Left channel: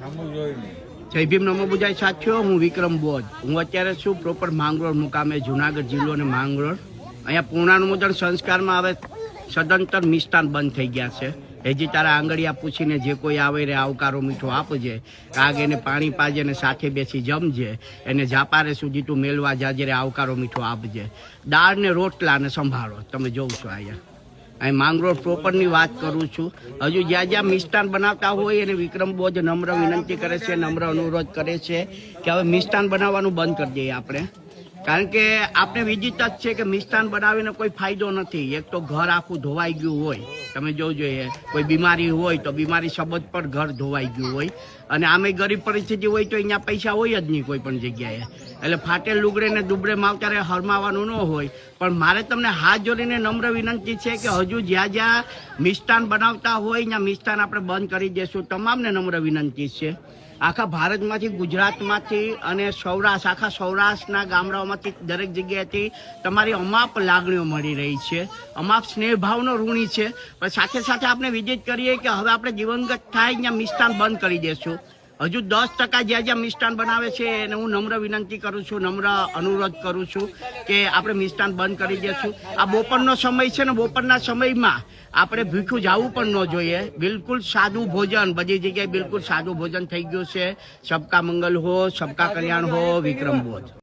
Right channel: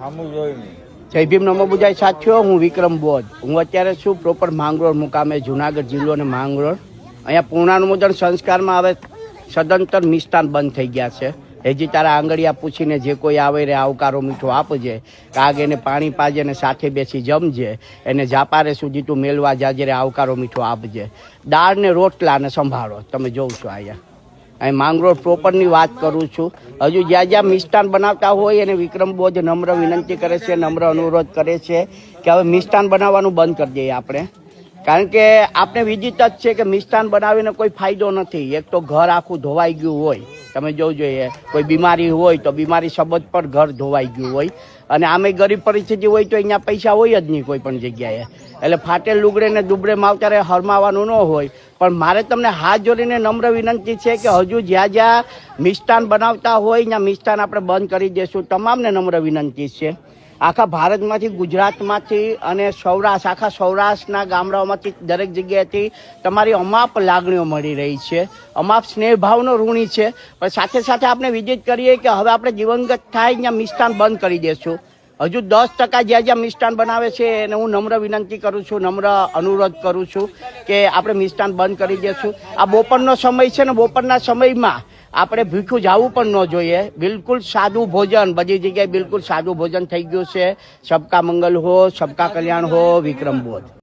જય ભીમ નમો બુજાય સાથીઓ, હું વિક્રમ બોધ. હું અત્યારે છું પ્રોપર માંગરોળ મુકામે, જુનાગઢ જિલ્લો અને માંગરોળ. અહીંયા પૂર્ણાનુમોદન સંસ્કારમાં હવે સદંતર મિષ્ટાન બંધ થઈ ગયા છે. હજી તારા આંગળીયા પૂછીને જે કોઈ આવે રે આવકારો મીઠો આપજે, કાગ એને પાણી પાજે ને સાથે બેસી જમજે, એને જાપારે સુધી તું મેળવા જાજે રે આવકારો મીઠો આપજે. દાળ ને રોટલા ને સંભાળો. તમે જોઉં છો અહીંયા અહીં માંગરોળ પ્રોપરની વાત કરું છું. હજુ જ્યાં જ્યાં મિષ્ટાન બનાવતા હોય એને વિક્રમ બોધ નમ્ર વિનંતી કરે છે, નમ્ર અનુરોધ કરે છે કે હવે મિષ્ટાન બનાવવાનું બંધ કરી દઈએ આપણે. કારણ કે આપણે વિદિત જ છે કે મિષ્ટાન બનાવીને કોઈ ફાયદો નથી. એક તો ઘર આખું ધોવાઈ ગયું હોય, તમે જોજો, કોઈ બીમારી હોય તો બીમારી સબંધ પર ઘર ધોવાઈ ગયું હોય, અને આમે ગરીબ પરિસ્થિતિ હોય તો અહીંયા પૈસા હોય જ નહીં કોઈ પણ જગ્યાએ. એટલે ફાટેલ લુગડે ને દુબળે માવતરે હરમાવાનું ન હોય. પણ મારે તમને હાથ જોડીને નમ્ર વિનંતી છે કે હજુ જ્યાં જ્યાં મિષ્ટાન બનાવતા હોય ત્યાં મિષ્ટાન આપણે બંધ કરી દઈશું. તમામને નમ્ર વિનંતી છે. આખા ભારતમાંથી, ગુજરાતમાંથી અને સૌરાષ્ટ્ર, આખા સૌરાષ્ટ્રના ગામડાઓમાંથી દરેક જગ્યાએથી તમારી અમાપ લાગણીઓ મળી રહી છે, અમાપ સ્નેહભાવનો ઋણી છે. પણ સાથે સાથે આપણે વિદિત કરીએ કે હવે આપણે દિવંગત થાય ત્યાં મિષ્ટાન બંધ કરી દઈશું. હજુ 10% જ્યાં જ્યાં મિષ્ટાન બનાવે છે એને હું નમ્ર વિનંતી કરું છું, નમ્ર અનુરોધ કરું છું કે આપણે મિષ્ટાન બંધ કરી દઈશું. આ બપોરનો સમય છે ને, બપોરના સમયમાં આપણે ભૂખ્યું જવું પણ ન જોઈએ. બિલકુલ સાદું ભોજન, બધી જગ્યાએ બિલકુલ સાદું ભોજન થઈ ગયું છે. સબકા મંગલ હો, સબકા કલ્યાણ હો. વિક્રમ બોધ.